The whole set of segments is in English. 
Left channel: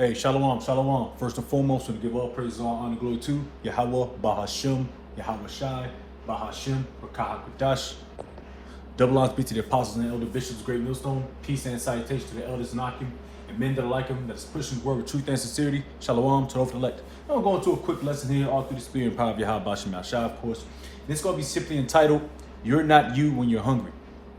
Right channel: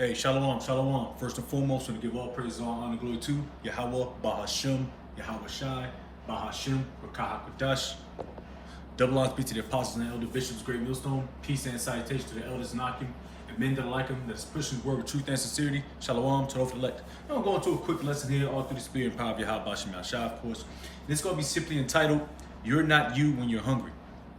Hey, shalom, shalom. First and foremost, to give all praise, all honor, glory to Yahweh, Bahashim, Yahweh Shai, Bahashim, Rakah Kudash. Double honors be to the apostles and elder bishops, great millstone. Peace and salutation to the elders and Akim, and men that are like him, that is pushing his word with truth and sincerity. Shalom to the elect. Now we're going to a quick lesson here, all through the spirit and power of Yahweh, Bahashim, Shai, of course. And it's going to be simply entitled, You're Not You When You're Hungry.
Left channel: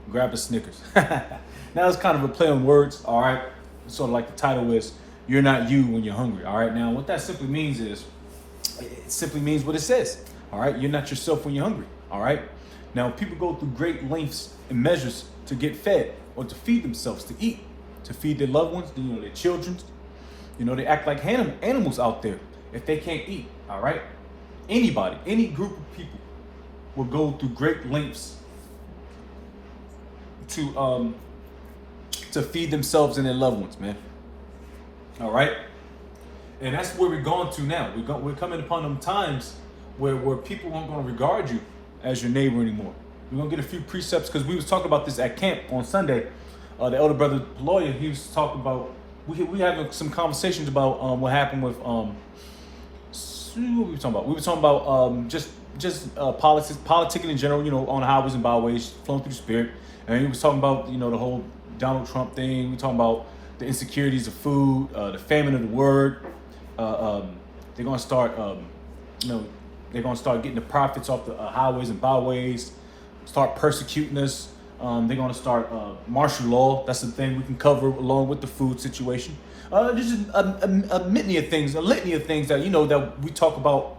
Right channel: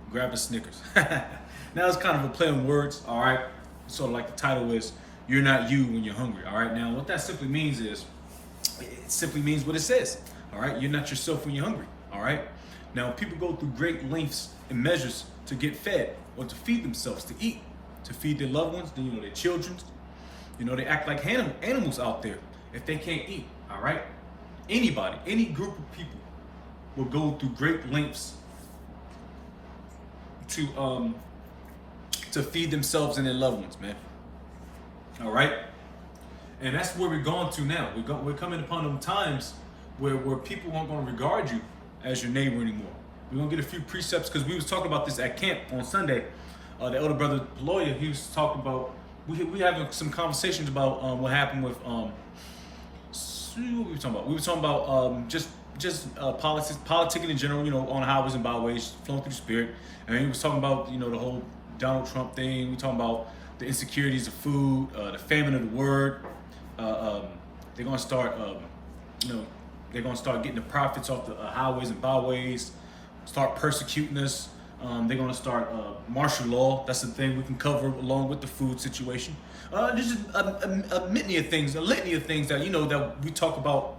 Grab a Snickers. Now it's kind of a play on words, all right? Sort of like the title is, You're Not You When You're Hungry, all right? Now, what that simply means is, it simply means what it says, all right? You're not yourself when you're hungry, all right? Now, people go through great lengths and measures to get fed or to feed themselves, to eat, to feed their loved ones, their children. They act like animals out there if they can't eat, all right? Anybody, any group of people will go through great lengths to feed themselves and their loved ones, man. All right, and that's where we're going to now. We're coming upon them times where people aren't going to regard you as your neighbor anymore. We're going to get a few precepts because we was talking about this at camp on Sunday. The elder brother lawyer, he was talking about we having some conversations about what happened with what were we talking about? We were talking about just politics, politicking in general. On the highways and byways, flowing through the spirit. And he was talking about the whole Donald Trump thing. We were talking about the insecurities of food, the famine of the word. They're gonna start, they're gonna start getting the profits off the highways and byways, start persecuting us. They're gonna start martial law. That's the thing we can cover along with the food situation. There's just a litany of things that that we talk about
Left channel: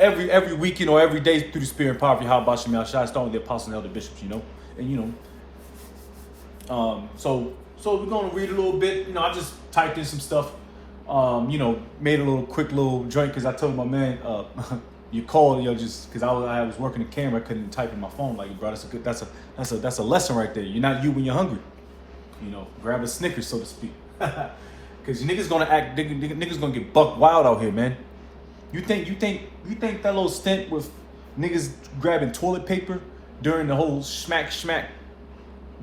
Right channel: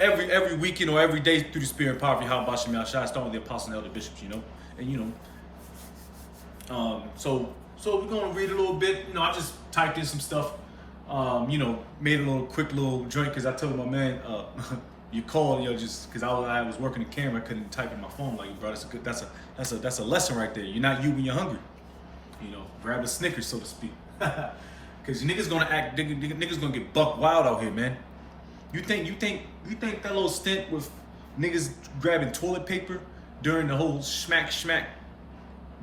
every week, every day through the spirit and power of Yahweh Bashim Shai, starting with the apostles and elder bishops, So we're gonna read a little bit. I just typed in some stuff. Made a quick little joint because I told my man, you called, just because I was working the camera, I couldn't type in my phone. Like, bro, that's a lesson right there. You're not you when you're hungry. Grab a Snickers, so to speak. Because niggas gonna get buck wild out here, man. You think that little stint with niggas grabbing toilet paper during the whole smack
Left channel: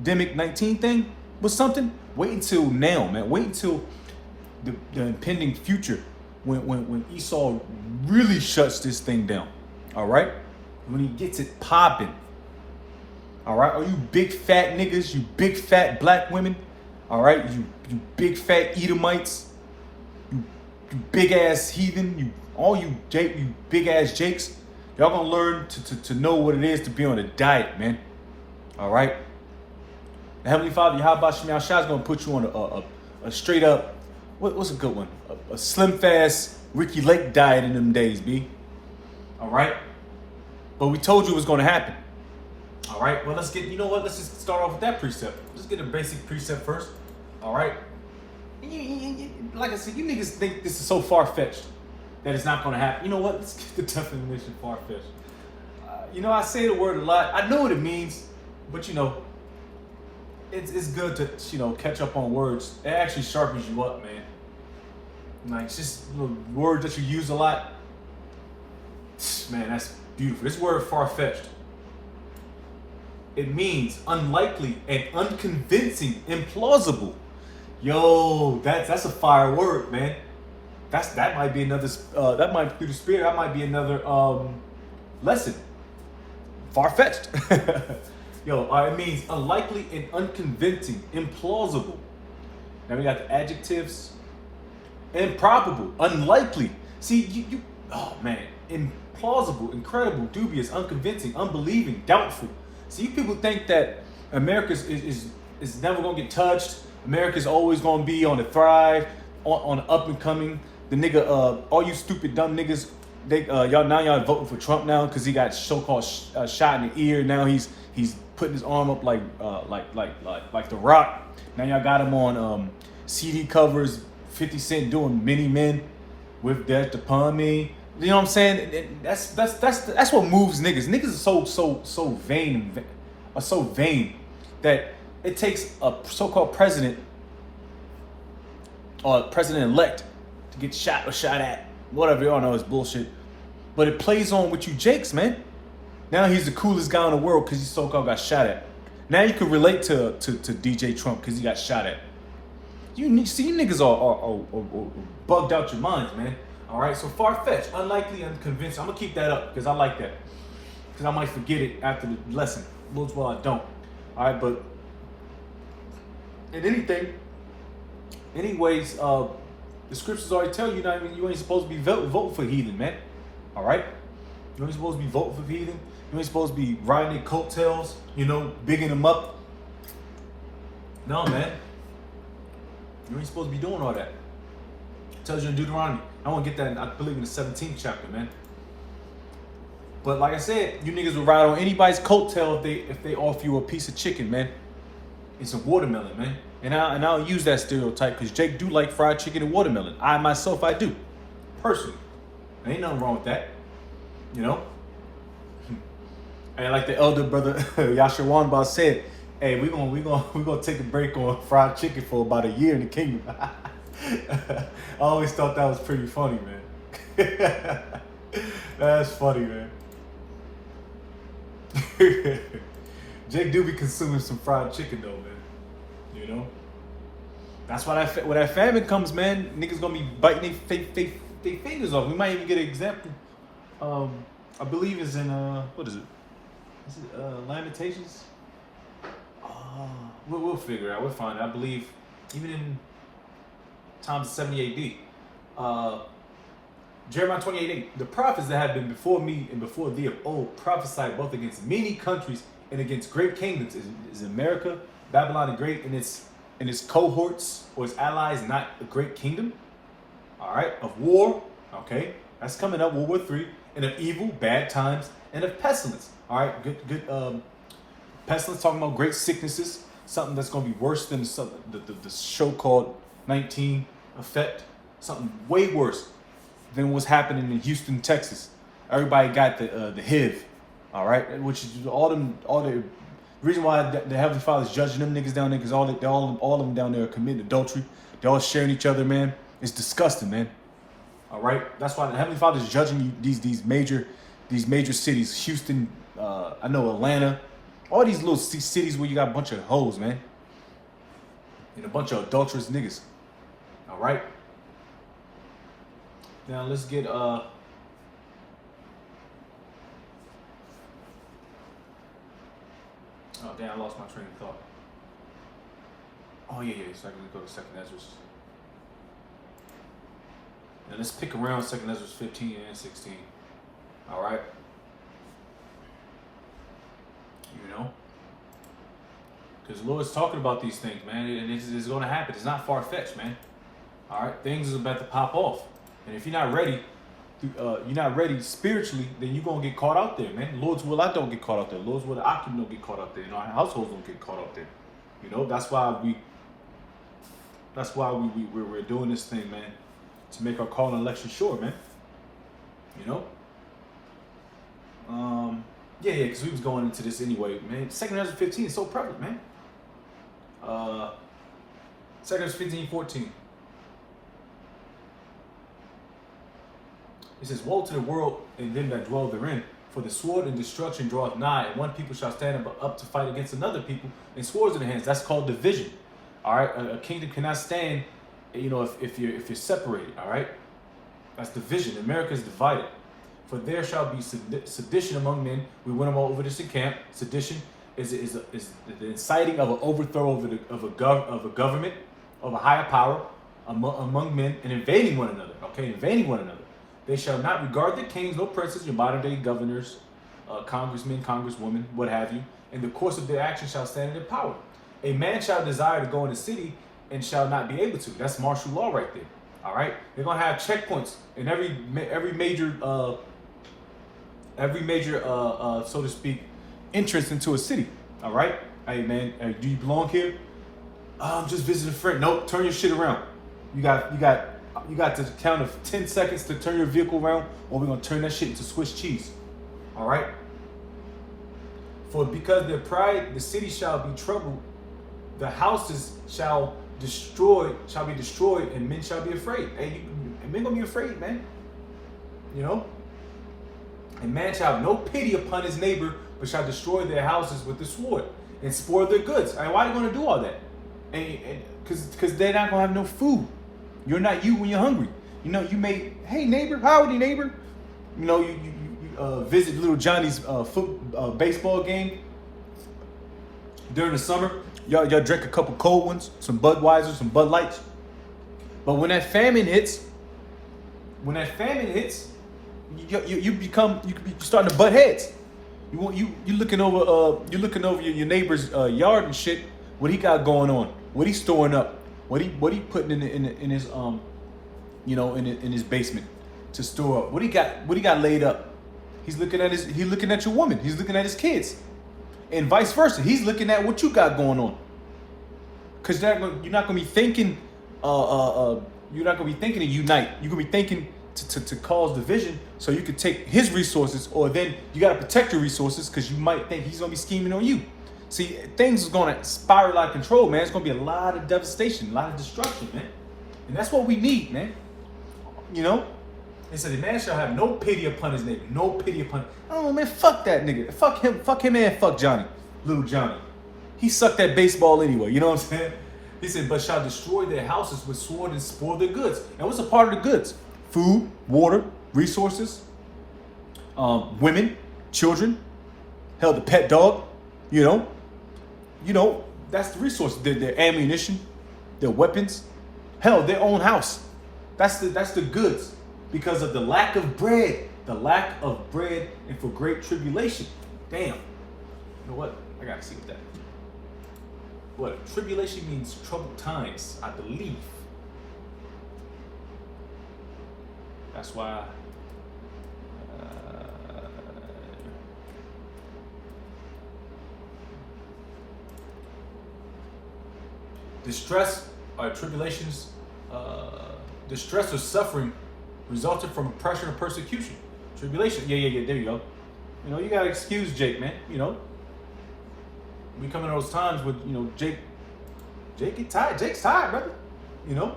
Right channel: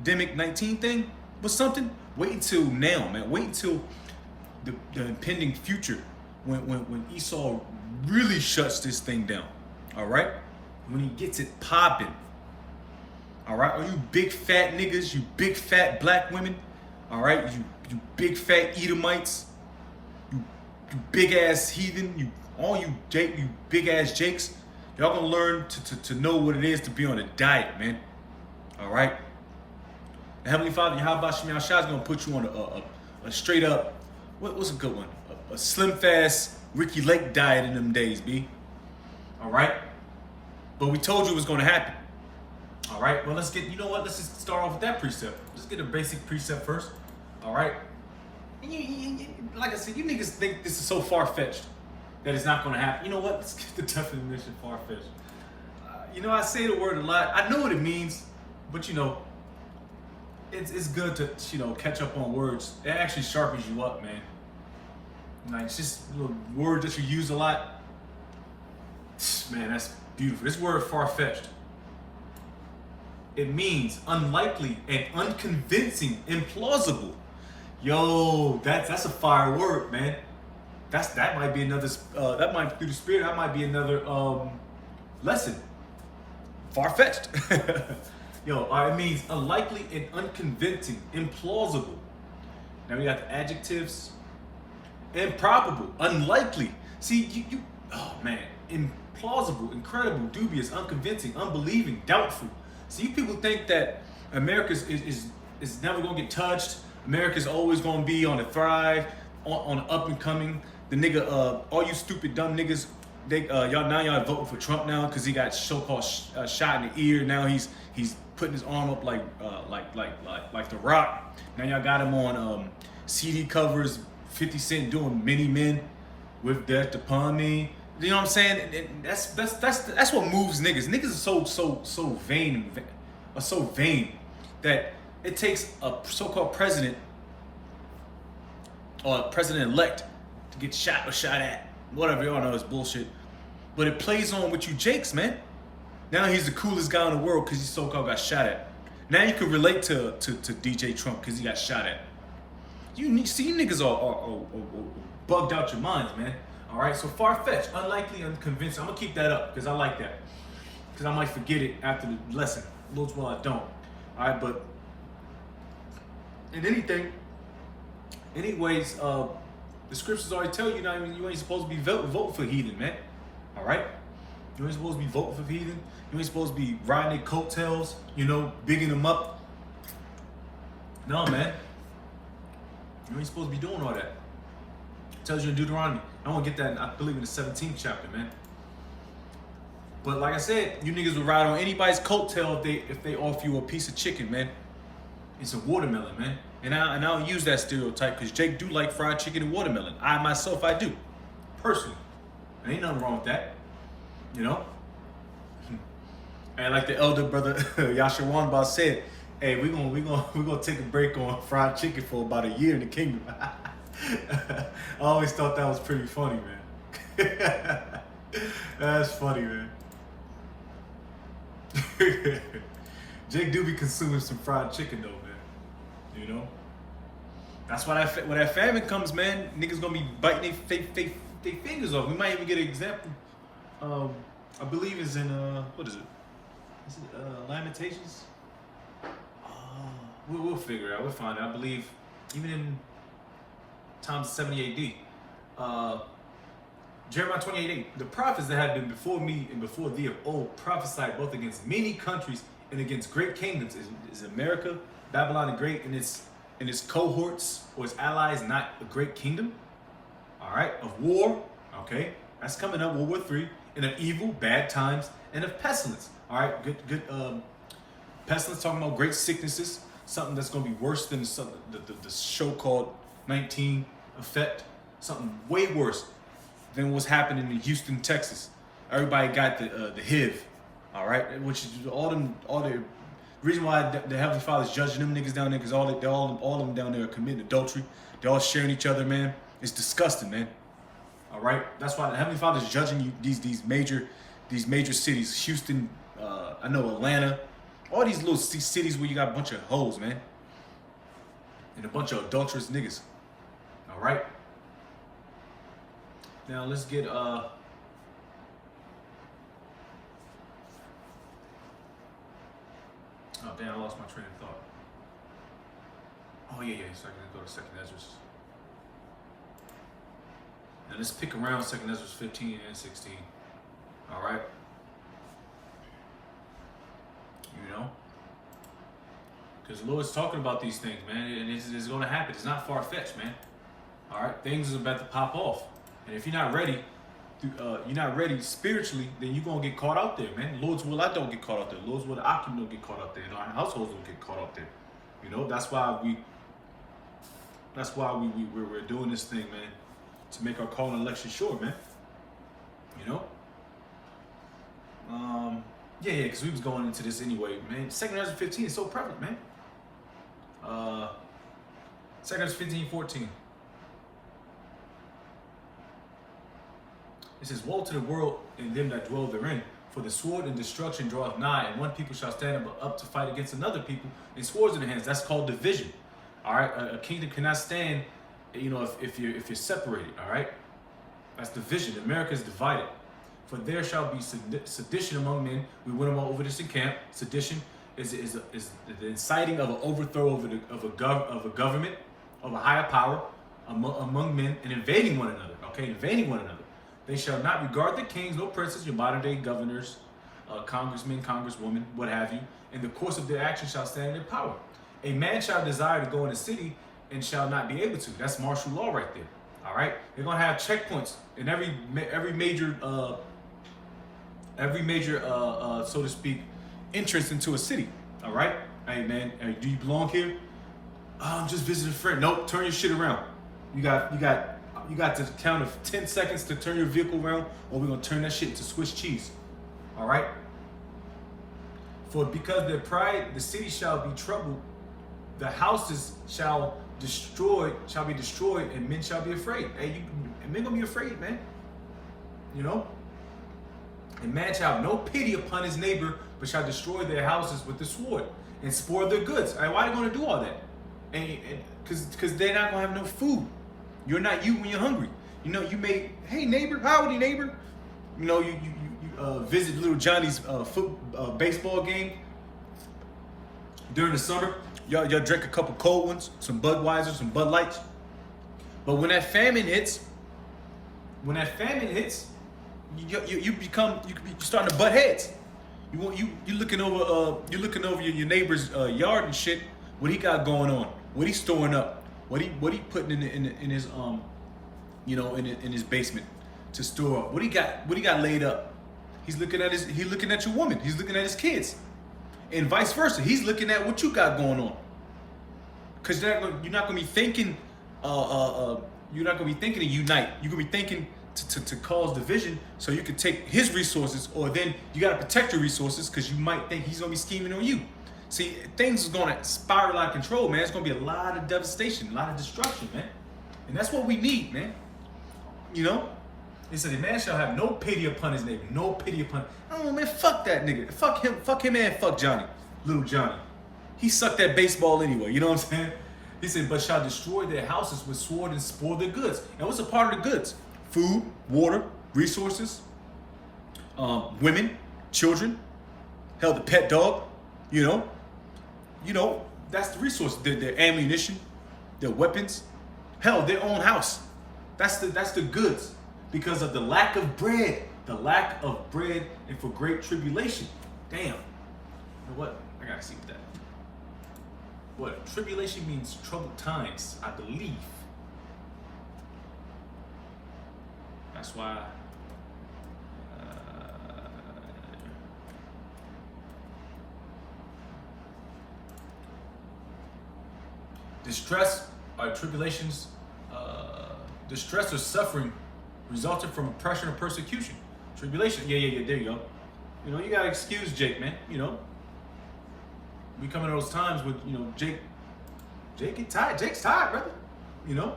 demic 19 thing was something? Wait until now, man. Wait until the impending future when Esau really shuts this thing down. All right? When he gets it popping. All right? Are you big fat niggas, you big fat black women? All right? You big fat Edomites, you big ass heathen, all you big ass Jakes, y'all gonna learn to know what it is to be on a diet, man. All right? The Heavenly Father, Yahweh Shai, is going to put you on a straight up, what's a good one? A slim fast Ricky Lake diet in them days, B. All right? But we told you it was going to happen. All right? Well, let's just start off with that precept. Let's get a basic precept first. All right? Like I said, you niggas think this is so far-fetched that it's not going to happen. You know what? Let's get the definition far-fetched. I say the word a lot. I know what it means, but it's good to catch up on words. It actually sharpens you up, man. Like, it's just words that you use a lot. Man, that's beautiful. This word far-fetched. It means unlikely and unconvincing, implausible. Yo, that's a fire word, man. That might be another. That might through the spirit. That might be another lesson. Far-fetched. It means unlikely and unconvincing, implausible. Now we got the adjectives. Improbable, unlikely. See, oh man, implausible, incredible, dubious, unconvincing, unbelieving, doubtful. See, you people think that America is never gonna get touched. America's always gonna be on the thrive, on the up and coming. The nigga, all you stupid dumb niggas, y'all voting for Trump now because he got so-called shot in the ear. Now he's putting his arm up like The Rock. Now y'all got him on CD covers, 50 Cent doing Many Men with Death Upon Me. You know what I'm saying? And that's what moves niggas. Niggas are so vain, that it takes a so-called president or president-elect to get shot or shot at. Whatever, y'all know it's bullshit. But it plays on with you Jakes, man. Now he's the coolest guy in the world because he so-called got shot at. Now you can relate to DJ Trump because he got shot at. You niggas are bugged out your minds, man. All right, so far-fetched, unlikely, unconvinced. I'm gonna keep that up because I like that. Because I might forget it after the lesson. Lord's will I don't. All right, but in anyways, the scriptures already tell you you ain't supposed to be voting for heathen, man. All right, you ain't supposed to be voting for heathen. You ain't supposed to be riding their coattails, bigging them up. No, man. You ain't supposed to be doing all that. It tells you in Deuteronomy. I want to get that, I believe, in the 17th chapter, man. But like I said, you niggas will ride on anybody's coattail if they offer you a piece of chicken, man. It's a watermelon, man. And I'll use that stereotype because Jake do like fried chicken and watermelon. I myself, I do. Personally. There ain't nothing wrong with that. And like the elder brother Yashawan said, hey, we're gonna take a break on fried chicken for about a year in the kingdom. I always thought that was pretty funny, man. That's funny, man. Jake do be consuming some fried chicken though, man. That's why when that famine comes, man, niggas gonna be biting their fingers off. We might even get an example. I believe it's in what is it? Is it Lamentations? We'll figure it out. We'll find it. I believe even in times 70 AD. Jeremiah 28:8. The prophets that have been before me and before thee of old prophesied both against many countries and against great kingdoms. Is America, Babylon the Great, and its cohorts or its allies not a great kingdom? All right, of war. Okay, that's coming up. World War III, and of evil, bad times, and of pestilence. All right, good. Pestilence, talking about great sicknesses, something that's going to be worse than the show called 19 Effect, something way worse than what's happening in Houston, Texas. Everybody got the HIV, all right, which is all the reason why the Heavenly Father's judging them niggas down there because all of them down there are committing adultery. They're all sharing each other, man. It's disgusting, man. All right, that's why the Heavenly Father's judging these major cities, Houston, I know Atlanta. All these little cities where you got a bunch of hoes, man. And a bunch of adulterous niggas. All right. Now let's get oh damn, I lost my train of thought. Oh yeah, so I can go to 2nd Ezra. Now let's pick around 2nd Ezra 15 and 16. All right. Because the Lord's talking about these things, man, and it's going to happen. It's not far-fetched, man. All right, things are about to pop off, and if you're not ready spiritually, then you're gonna get caught out there, man. Lord's will, I don't get caught out there. Lord's will, the Akim don't get caught out there. Our households don't get caught out there. That's why we're doing this thing, man, to make our call and election sure, man. Yeah, because we was going into this anyway, man. 2nd Ezra 15 is so prevalent, man. 2nd Ezra 15:14. It says, woe to the world and them that dwell therein, for the sword and destruction draweth nigh, and one people shall stand up to fight against another people, and swords in their hands. That's called division. All right, a kingdom cannot stand, if you're separated. All right, that's division. America is divided. For there shall be sedition among men. We went over this in camp. Sedition is the inciting of an overthrow of a government, of a higher power among men, and invading one another. Okay, invading one another. They shall not regard the kings, no princes, your modern day governors, congressmen, congresswomen, what have you. In the course of their action shall stand in their power. A man shall desire to go in the city and shall not be able to. That's martial law right there. All right, they're gonna have checkpoints in every major so to speak, entrance into a city. All right, hey man, do you belong here? I'm just visiting a friend. Nope, turn your shit around. You got to count of 10 seconds to turn your vehicle around, or we're gonna turn that shit into Swiss cheese. All right. For because their pride, the city shall be troubled, the houses shall be destroyed, and men shall be afraid. Hey, men gonna be afraid, man. And man shall have no pity upon his neighbor, but shall destroy their houses with the sword and spoil their goods. All right, why are you gonna do all that? and because they're not gonna have no food. You're not you when you're hungry. You know, you may, hey neighbor, howdy neighbor. You know, you visit little Johnny's baseball game during the summer. Y'all drink a couple cold ones, some Budweiser, some Bud Lights. But when that famine hits, you starting to butt heads. You looking over your neighbor's yard and shit. What he got going on? What he storing up? What he putting in his in his basement to store up? What he got laid up? He's looking at your woman. He's looking at his kids, and vice versa. He's looking at what you got going on. Cause you're not gonna be thinking. You're not gonna be thinking to unite. You're gonna be thinking to cause division, so you could take his resources, or then you gotta protect your resources, because you might think he's gonna be scheming on you. See, things is gonna spiral out of control, man. It's gonna be a lot of devastation, a lot of destruction, man. And that's what we need, man. You know? They said, the man shall have no pity upon his neighbor. No pity upon. I don't know, man. Fuck that nigga. Fuck him and fuck Johnny. Little Johnny. He sucked that baseball anyway. You know what I'm saying? He said, but shall destroy their houses with sword and spoil their goods. And what's a part of the goods? Food, water, resources, women, children, hell, the pet dog, you know, that's the resource. Their ammunition, their weapons, hell, their own house. That's the goods, because of the lack of bread, and for great tribulation. Damn. You know what? I gotta see what that. What tribulation means? Troubled times, I believe. That's why. Distress, tribulations, distress or suffering resulting from oppression or persecution. Tribulation, yeah, there you go. You know, you gotta excuse Jake, man. You know, we come in those times with, you know, Jake get tired. Jake's tired, brother. You know,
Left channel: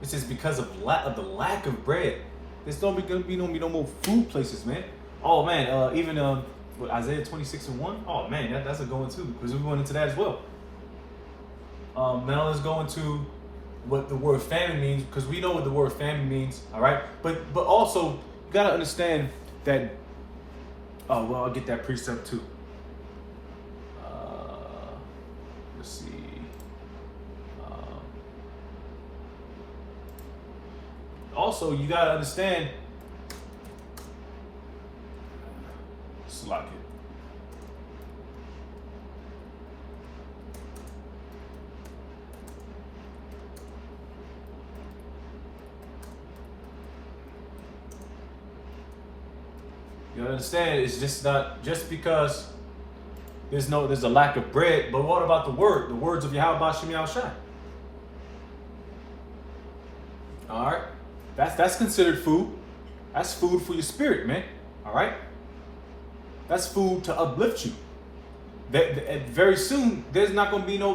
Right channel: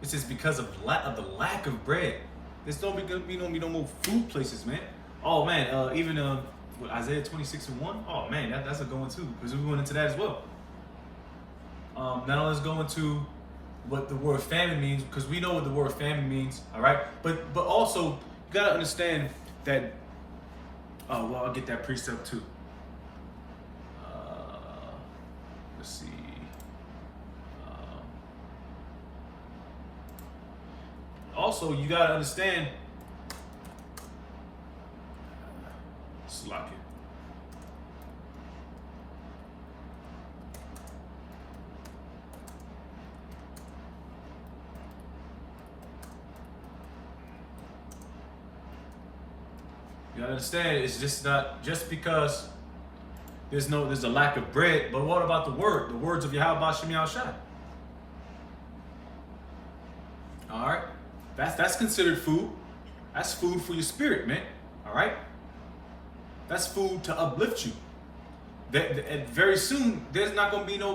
it's just because of the lack of bread. There's no more food places, man. Oh man, even Isaiah 26:1. Oh man, that's a going too, because we're going into that as well. Now let's go into what the word famine means, because we know what the word famine means, all right? But also, you gotta understand that, I'll get that precept too. Let's see. Also, you gotta understand, Slack it. You understand? It's just not just because there's a lack of bread, but what about the words of Yahweh Shem Yahushai? All right, that's considered food. That's food for your spirit, man. All right, that's food to uplift you. Very soon, there's not going to be no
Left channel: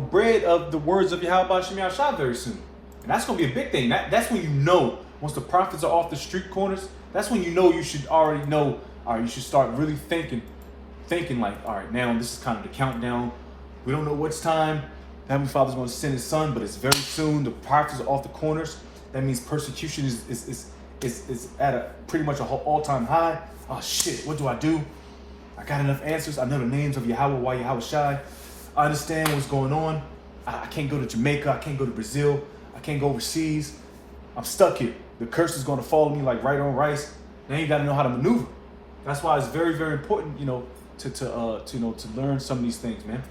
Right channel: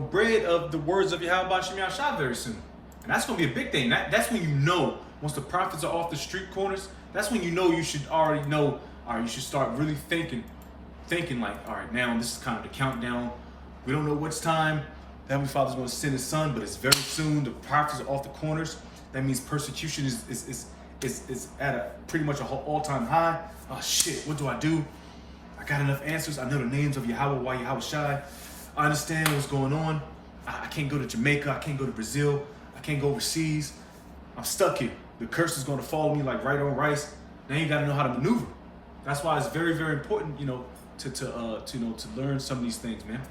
bread of the words of Yahweh Shem Yahushai very soon, and that's going to be a big thing. That's when you know, once the prophets are off the street corners. That's when you know you should already know, all right, you should start really thinking like, all right, now this is kind of the countdown. We don't know which time the Heavenly Father's going to send His Son, but it's very soon. The prophets are off the corners. That means persecution is at a pretty much an all-time high. Oh shit, what do? I got enough answers. I know the names of Yahweh, Yahweh Shai. I understand what's going on. I can't go to Jamaica. I can't go to Brazil. I can't go overseas. I'm stuck here. The curse is going to follow me like right on rice. Now you got to know how to maneuver. That's why it's very, very important, you know, to learn some of these things, man.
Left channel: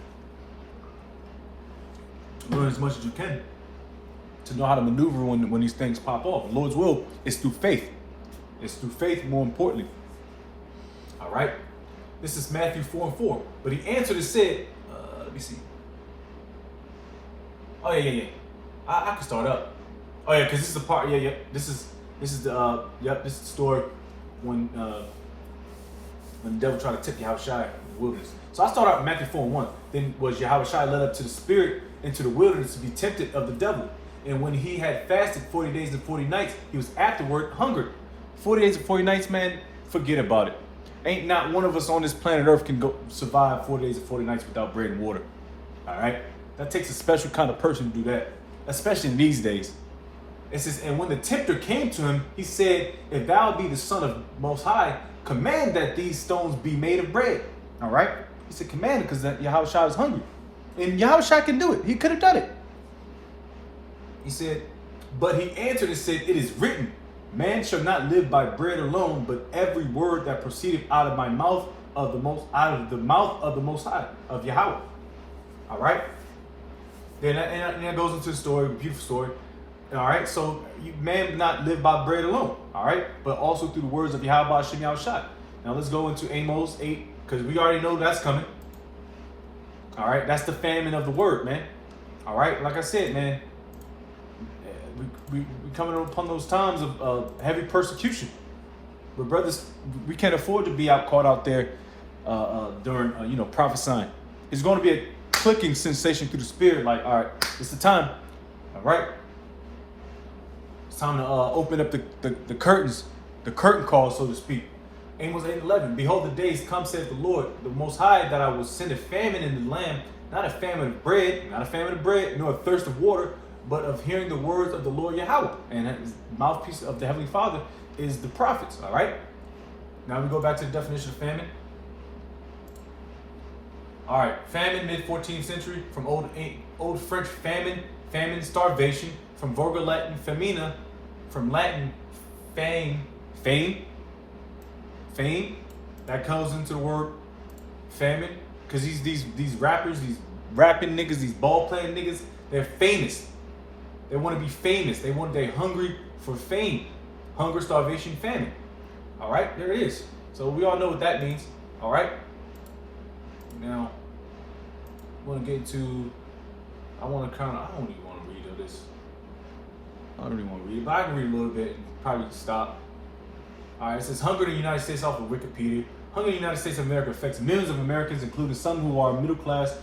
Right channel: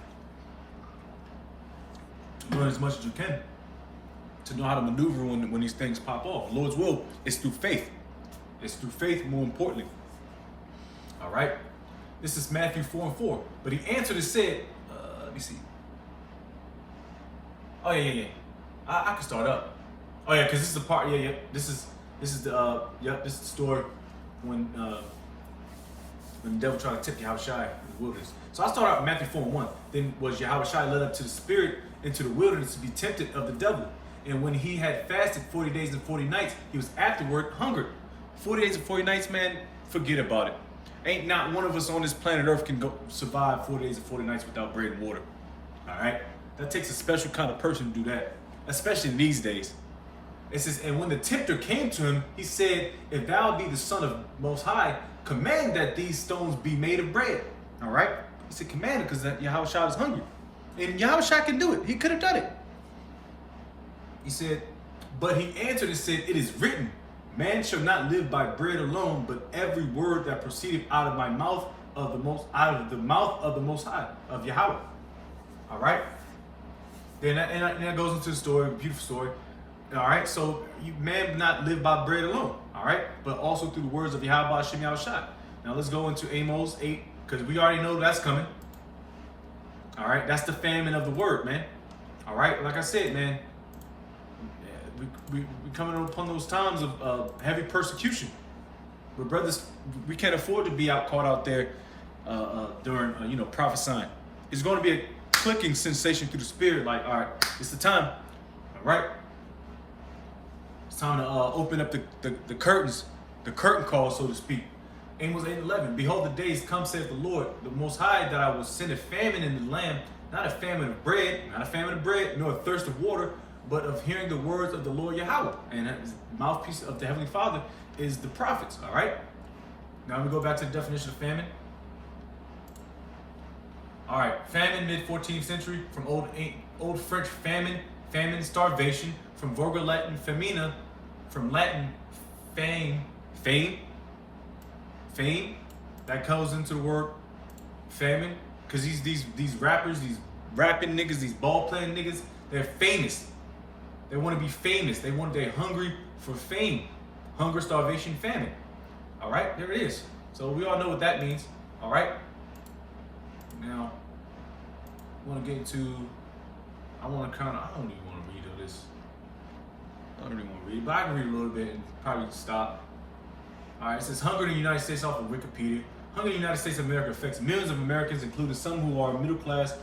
Learn as much as you can to know how to maneuver when these things pop off. The Lord's will is through faith. It's through faith, more importantly. All right. This is Matthew 4:4. But He answered and said, let me see. Oh yeah. I can start up. Oh yeah, because this is the part. Yeah. This is the this is the story when the devil tried to take Yahushua in the wilderness. So I start out in Matthew 4:1. Then was Yahushua led up to the Spirit into the wilderness to be tempted of the devil. And when he had fasted 40 days and 40 nights, he was afterward hungered. 40 days and 40 nights, man, forget about it. Ain't not one of us on this planet Earth can go survive 40 days and 40 nights without bread and water. All right, that takes a special kind of person to do that, especially in these days. It says, and when the tempter came to him, he said, if thou be the Son of Most High, command that these stones be made of bread. All right, he said, command it, because Yahushua is hungry, and Yahushua can do it. He could have done it. He said, but he answered and said, it is written, man shall not live by bread alone, but every word that proceedeth out of my mouth of the most high, of Yahweh. All right. Then that goes into the story, the beautiful story. All right. So man not live by bread alone. All right, but also through the words of Yahweh Shem Yahushua. Now let's go into Amos 8, because we already know that's coming. All right, that's the famine of the word, man. All right, like I said, man. We coming upon those times of heavy persecution. But brothers, we can't afford to be caught out there during, prophesying. It's going to be a clicking sensation through the spirit. Like, all right, it's the time. All right, it's time to open up the curtains, the curtain call, so to speak. Amos 8:11. Behold, the days come, saith the Lord, the Most High, that I will send a famine in the land, not a famine of bread, nor a thirst of water, but of hearing the words of the Lord Yahweh. And the mouthpiece of the Heavenly Father is the prophets, all right? Now we go back to the definition of famine. All right, famine, mid-14th century, from old French famine, starvation, from Vulgar Latin famina, from Latin fame, that comes into the word famine, because these rappers, these rapping niggas, these ball playing niggas, they're famous. They want to be famous. They're hungry for fame. Hunger, starvation, famine. All right, there it is. So we all know what that means. All right. Now, I want to get into. I don't really want to read all this. I don't really want to read it, but I can read a little bit and probably stop. All right, it says hunger in the United States off of Wikipedia. Hunger in the United States of America affects millions of Americans, including some who are middle class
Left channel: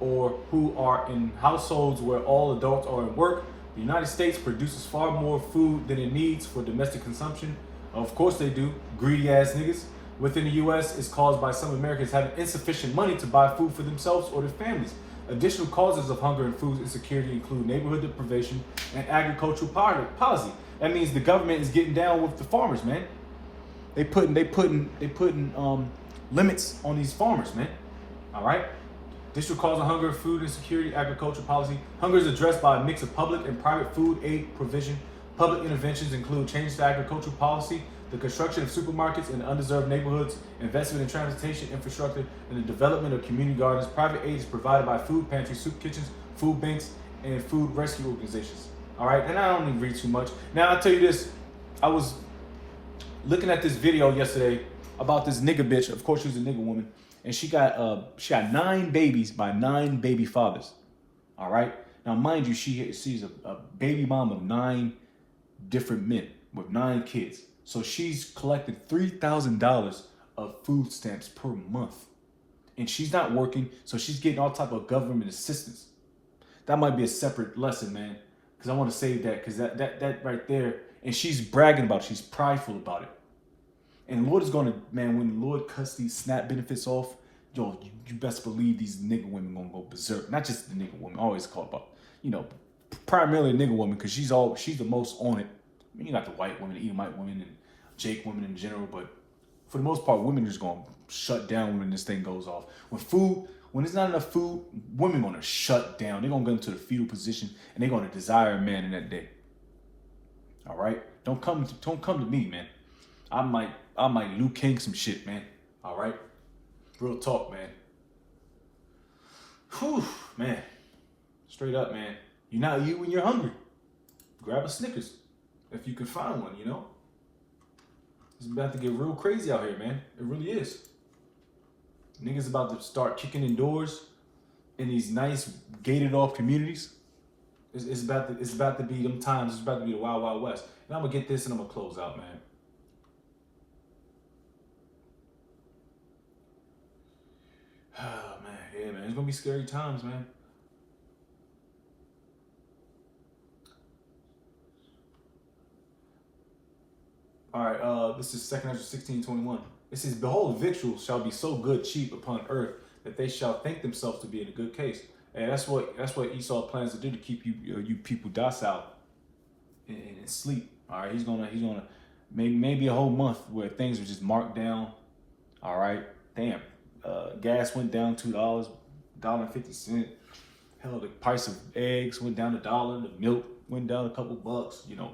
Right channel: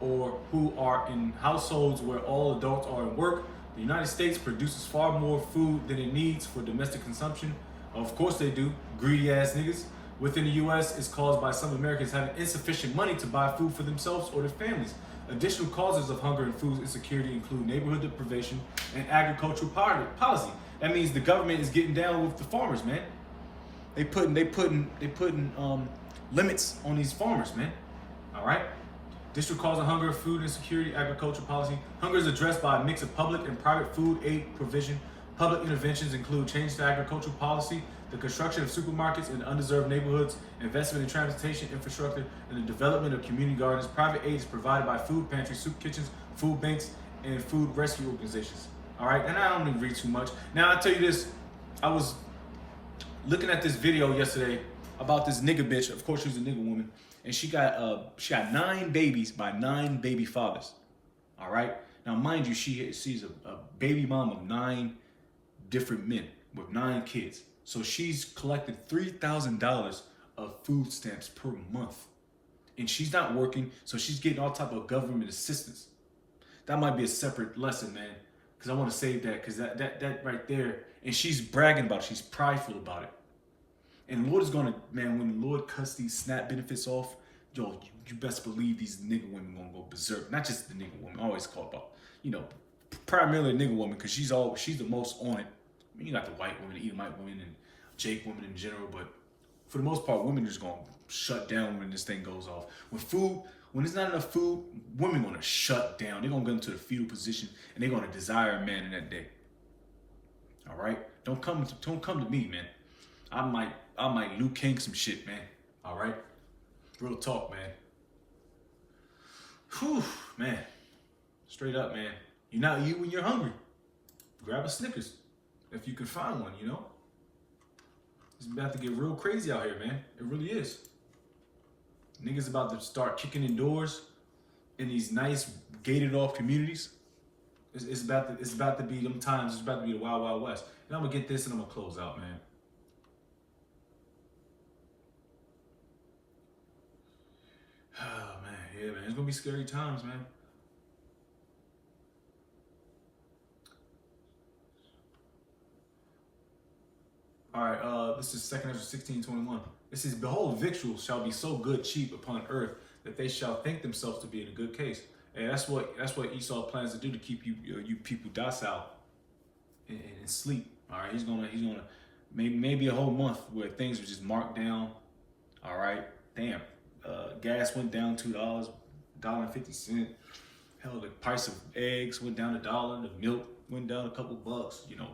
or who are in households where all adults are at work. The United States produces far more food than it needs for domestic consumption. Of course they do, greedy ass niggas. Within the U.S. is caused by some Americans having insufficient money to buy food for themselves or their families. Additional causes of hunger and food insecurity include neighborhood deprivation and agricultural policy. That means the government is getting down with the farmers, man. They putting limits on these farmers, man. All right. District cause of hunger, food insecurity, agriculture policy. Hunger is addressed by a mix of public and private food aid provision. Public interventions include change to agricultural policy, the construction of supermarkets in undeserved neighborhoods, investment in transportation infrastructure, and the development of community gardens. Private aid is provided by food pantries, soup kitchens, food banks, and food rescue organizations. All right, and I don't even read too much. Now I'll tell you this: I was looking at this video yesterday about this nigga bitch. Of course, she's a nigga woman. And she got 9 babies by 9 baby fathers. All right. Now, mind you, she's a baby mom of 9 different men with 9 kids. So she's collected $3,000 of food stamps per month, and she's not working. So she's getting all type of government assistance. That might be a separate lesson, man, because I want to save that, because that right there. And she's bragging about it. She's prideful about it. And the Lord is going to, man, when the Lord cuts these SNAP benefits off, yo, you best believe these nigga women going to go berserk. Not just the nigga woman, I always call about, primarily the nigga woman, because she's the most on it. I mean, not the white women, the Edomite women, and Jake women in general, but for the most part, women are just going to shut down when this thing goes off. When there's not enough food, women are going to shut down. They're going to go into the fetal position, and they're going to desire a man in that day. All right? Don't come to me, man. I might Luke King some shit, man. All right? Real talk, man. Whew, man. Straight up, man. You're not eating when you're hungry. Grab a Snickers if you can find one, It's about to get real crazy out here, man. It really is. Niggas about to start kicking in doors in these nice gated off communities. It's about to be them times. It's about to be the Wild Wild West. And I'm gonna get this and I'm gonna close out, man. Oh man, yeah, man. It's gonna be scary times, man. All right, this is 2nd Ezra 16:21. It says, "Behold, victuals shall be so good cheap upon earth that they shall think themselves to be in a good case. And that's what Esau plans to do to keep you people docile and sleep. All right, he's gonna maybe a whole month where things are just marked down. All right, damn, gas went down $2.50. Hell, the price of eggs went down $1. The milk went down a couple bucks. You know,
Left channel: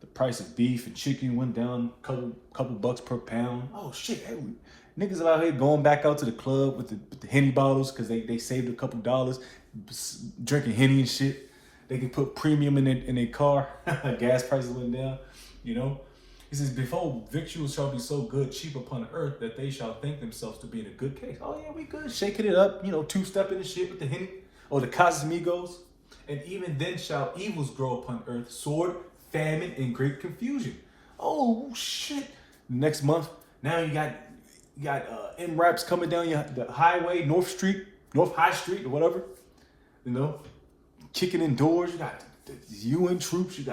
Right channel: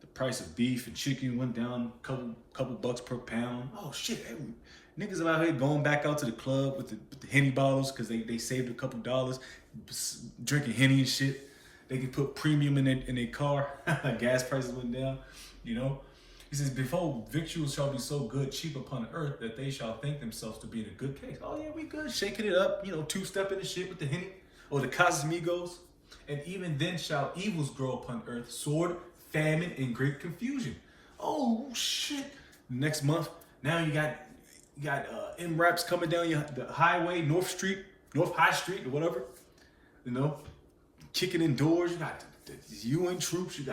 the price of beef and chicken went down a couple bucks per pound. Oh shit, hey, niggas out here going back out to the club with the Henny bottles because they saved a couple dollars, drinking Henny and shit. They can put premium in their car. Gas prices went down, you know. He says, before victuals shall be so good, cheap upon the earth, that they shall think themselves to be in a good case. Oh yeah, we good, shaking it up, you know, two-stepping and shit with the Henny or the Casamigos. And even then shall evils grow upon earth, sword, famine, and great confusion. Oh shit. Next month, now you got M-Raps coming down the highway, North High Street or whatever, you know, kicking indoors. You got the UN troops. You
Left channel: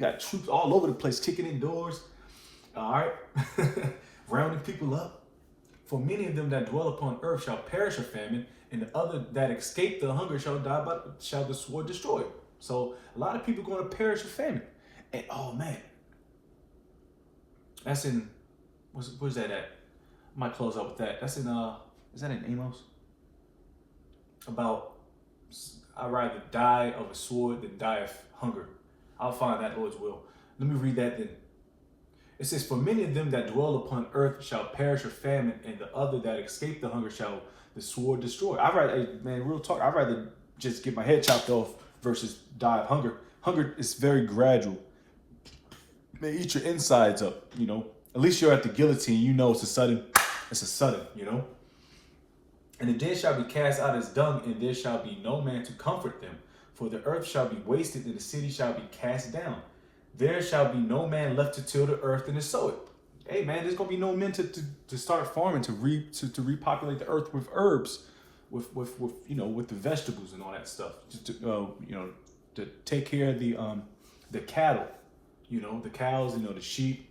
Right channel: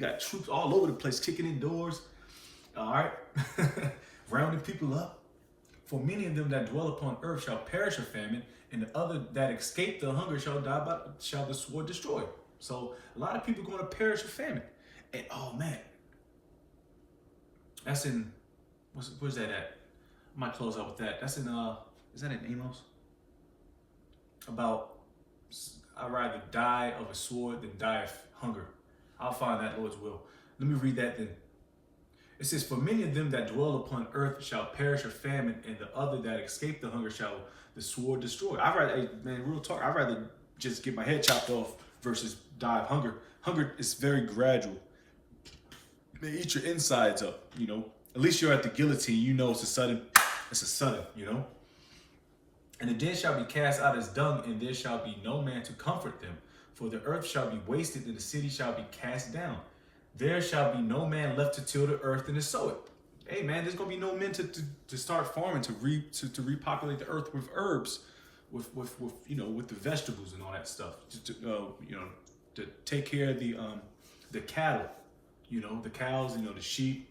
got troops all over the place kicking indoors. All right, rounding people up. For many of them that dwell upon earth shall perish of famine, and the other that escape the hunger shall the sword destroy. So a lot of people are going to perish of famine. And oh man, that's in where's that at? I might close up with that. That's in is that in Amos? About I'd rather die of a sword than die of hunger. I'll find that, Lord's will. Let me read that then. It says, for many of them that dwell upon earth shall perish of famine, and the other that escape the hunger shall the sword destroy. Man, real talk, I'd rather just get my head chopped off versus die of hunger. Hunger is very gradual. Man, eat your insides up, you know. At least you're at the guillotine, you know it's a sudden, you know. And the dead shall be cast out as dung, and there shall be no man to comfort them. For the earth shall be wasted, and the city shall be cast down. There shall be no man left to till the earth and to sow it. Hey man, there's gonna be no men to start farming, to repopulate the earth with herbs, with you know, with the vegetables and all that stuff. You know, to take care of the cattle, you know, the cows, you know, the sheep.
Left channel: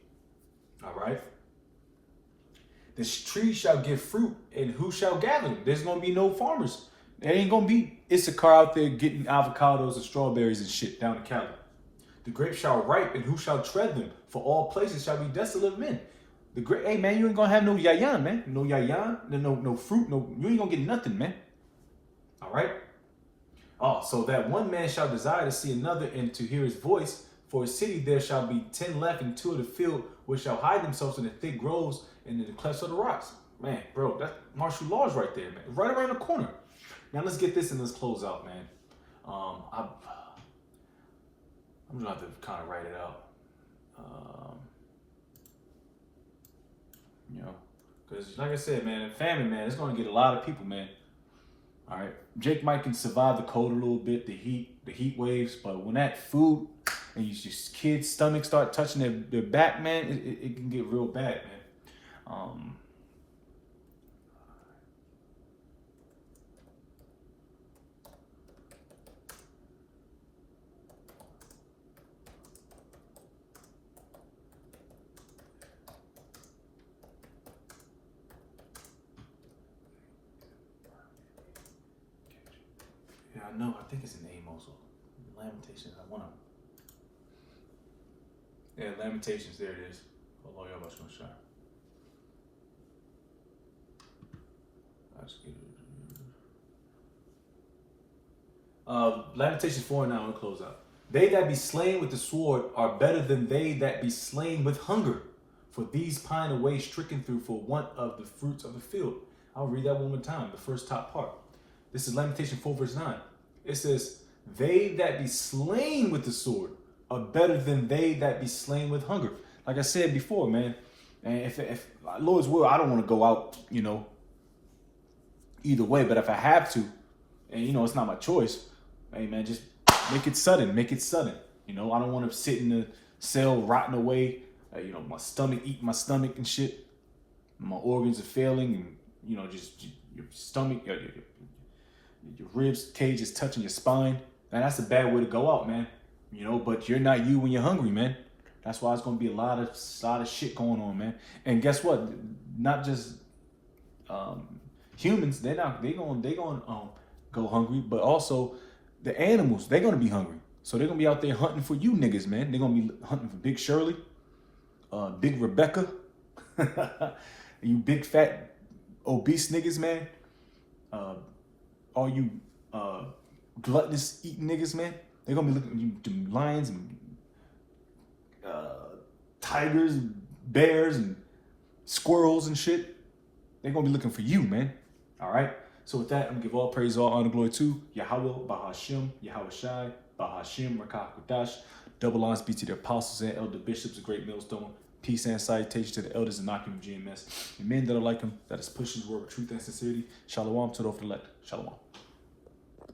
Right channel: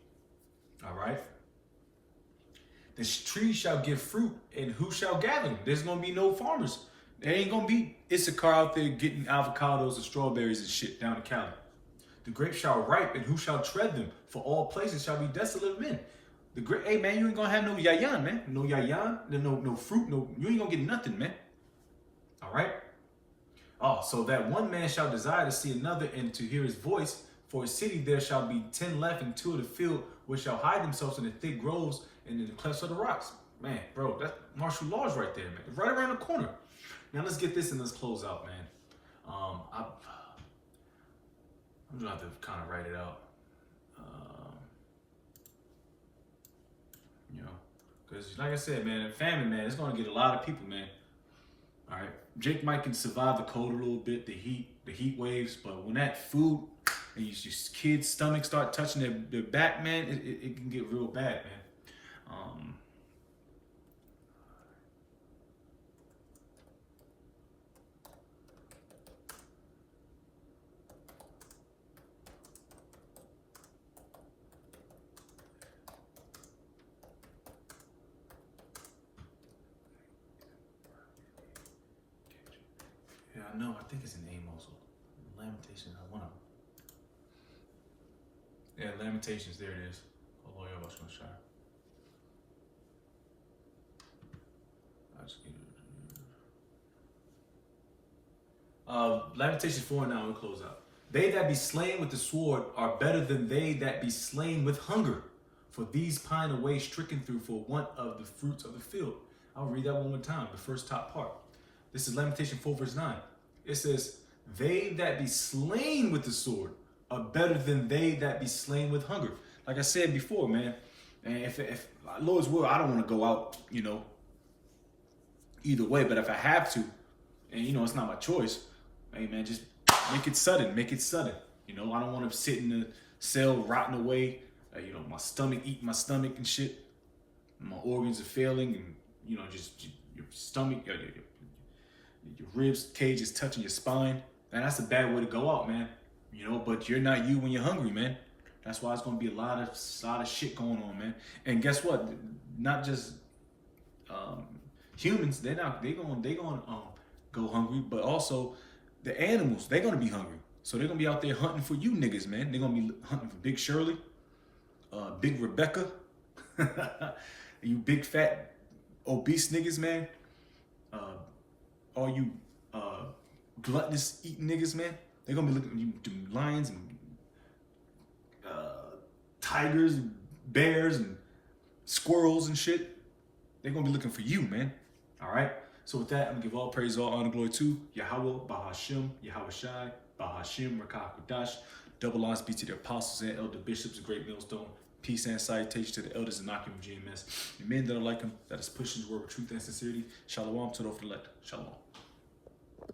All right. The trees shall give fruit, and who shall gather them? There's gonna be no farmers. There ain't gonna be Issachar out there getting avocados and strawberries and shit down in Cali. The grapes shall ripe, and who shall tread them? For all places shall be desolate of men. The grape, hey man, you ain't gonna have no yayan, man. No yayan, no fruit, you ain't gonna get nothing, man. All right. Oh, so that one man shall desire to see another and to hear his voice. For a city there shall be 10 left, and 2 of the field, which shall hide themselves in the thick groves and in the clefts of the rocks. Man, bro, that's martial laws right there, man. Right around the corner. Now let's get this and let's close out, man. I'm gonna have to kind of write it out. You know, because like I said, man, in famine, man, it's gonna get a lot of people, man. All right, Jake might can survive the cold a little bit, the heat waves, but when that food and your kids' stomachs start touching their back, man, it can get real bad, man. Yeah, I know. I think it's in Amos. Lamentations. I want to. Yeah, Lamentations. There it is. Hold on, y'all. What's going to shine? Lamentations 4:9. We'll close out. They that be slain with the sword are better than they that be slain with hunger. For these pine away stricken through for want of the fruits of the field. I'll read that one more time. The first top part. This is Lamentation 4:9. It says, they that be slain with the sword are better than they that be slain with hunger. Like I said before, man, and if Lord's will, I don't want to go out, you know, either way. But if I have to, and you know, it's not my choice, hey man, just make it sudden. You know, I don't want to sit in the cell rotting away. You know, my stomach eating my stomach and shit. My organs are failing, and you know, just your stomach, your ribs cage is touching your spine. And that's a bad way to go out, man. You know, but you're not you when you're hungry, man. That's why it's gonna be a lot of shit going on, man. And guess what? Not just humans. They're gonna go hungry, but also the animals, they're gonna be hungry. So they're gonna be out there hunting for you niggas, man. They're gonna be hunting for Big Shirley, Big Rebecca, you big fat obese niggas, man. All you gluttonous eating niggas, man. They're gonna be looking at you, lions and tigers and bears and squirrels and shit. They're gonna be looking for you, man. All right. So with that, I'm gonna give all praise, all honor, glory to Yahweh, Bahashim, Yahweh Shai, Bahashim, Rakah Kodash. Double honors be to the apostles and elder bishops, a great millstone. Peace and salutation to the elders and knocking GMS. And men that are like him, that is pushing the word of truth and sincerity. Shalom to the elect. Shalom.